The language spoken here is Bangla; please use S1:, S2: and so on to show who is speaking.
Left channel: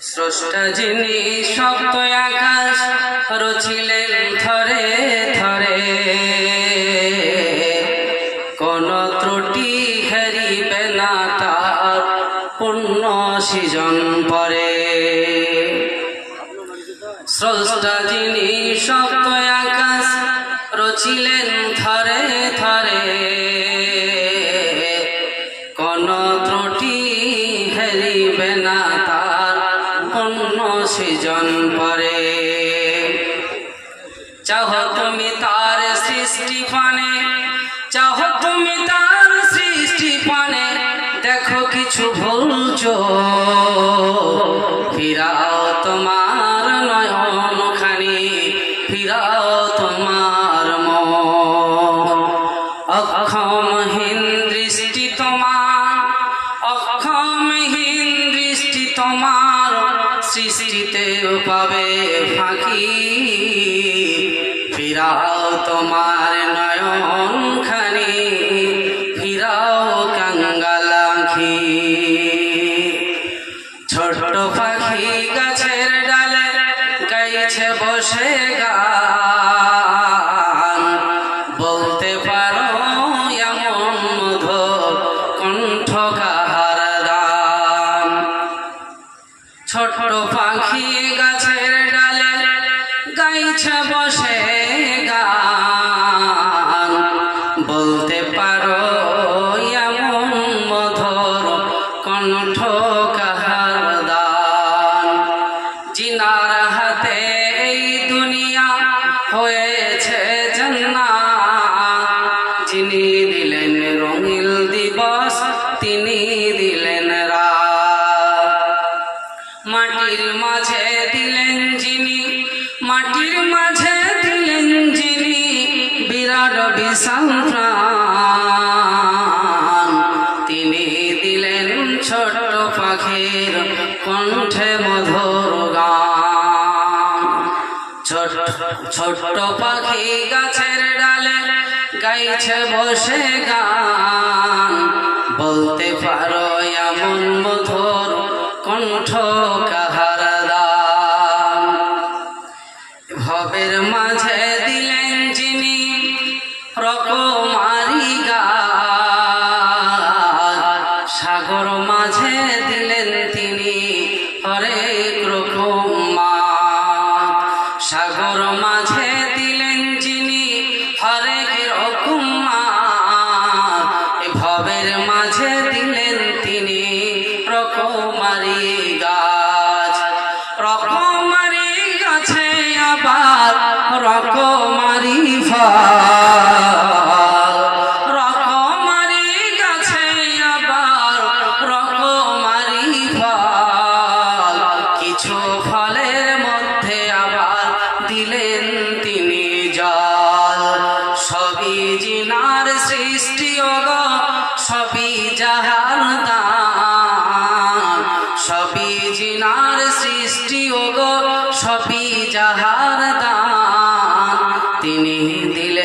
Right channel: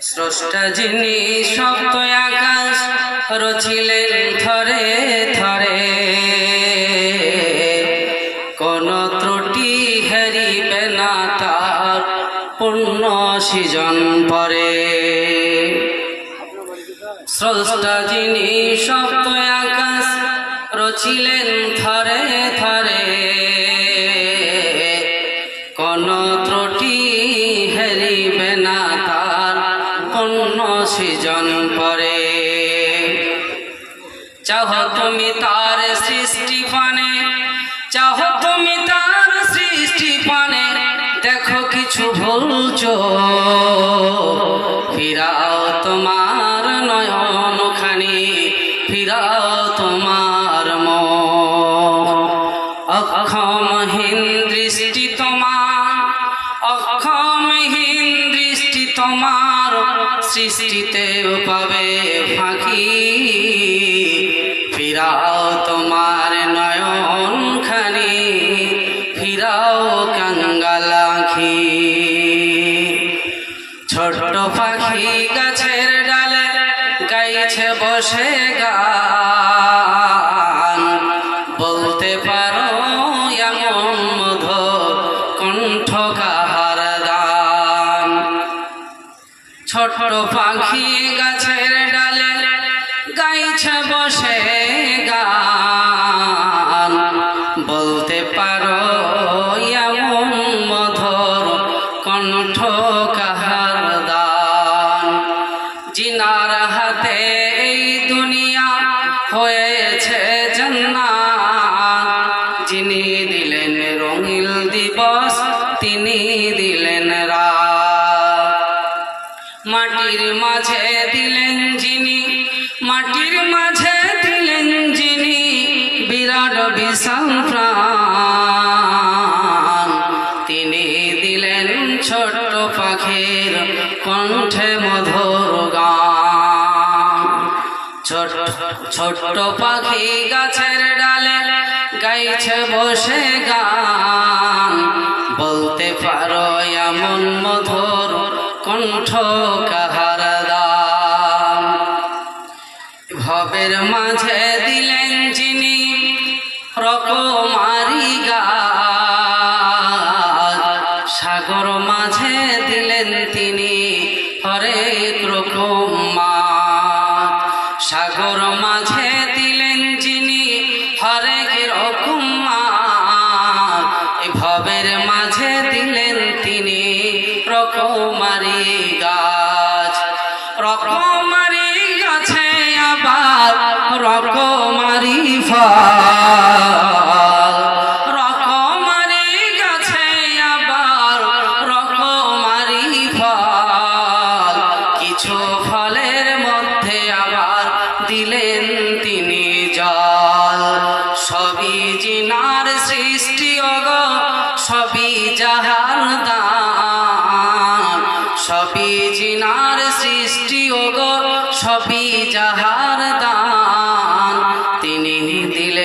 S1: স্রষ্টা যিনি সপ্ত আকাশ রচিলেন থরে থরে কোন ত্রুটি হারিবে না তার পূর্ণ সৃজন পরে। স্রষ্টা যিনি সপ্ত আকাশ রচিলেন থরে থরে চাহ তুমি তার সৃষ্টি পানে চাহ তুমি তার সৃষ্টি পানে। দেখো কিছু ভুলছো ফিরাও তোমার নয়ন খানি ফিরাও তোমার অক্ষমহীন দৃষ্টি তোমার, অক্ষমহীন দৃষ্টি তোমার, সৃষ্টিতে পাবে ফিরাও কাঙ্গালাখি। ছোট্ট পাখি গাছের ডালে গাইছে, বসে গান। বলতে পারো এমন মধুর কণ্ঠ কাহার দান ছোট্ট পাখি গাছের ডালে গাইছে, বসে গান। বলতে জিনার হাতে এই দুনিয়া হয়েছে জান্নাত। যিনি দিলেন রঙিল দিবস, তিনি দিলেন রাত। মাটির মাঝে দিলেন যিনি, মাটির মাঝে দিলেন যিনি, বিরাট বিশাল তিনি দিলেন ছোট্ট পাখির কণ্ঠে মধুর ছোট ছোট্ট পাখি গাছের ডালে গাইছে বসে গান। বলতে পারো এমন মধুর কণ্ঠ কাহার ভবের মাঝে দিলেন যিনি রকমারি গাছ সাগর মাঝে দিলেন তিনি সাগর মাঝে দিলেন যিনি হরেক রকম ভবের মাঝে দিলেন তিনি রকমারি গাছ। রকমারি গাছে আবার রকমারি ফল। রকমারি গাছে আবার রকমারি ফল। কিছু ফলের দিলেন তিনি জল। সবই জিনার সৃষ্টি অগ, সবই যাহার দান। সবই জিনার সৃষ্টি অগ, সবই যাহার দান। তিনি দিলেন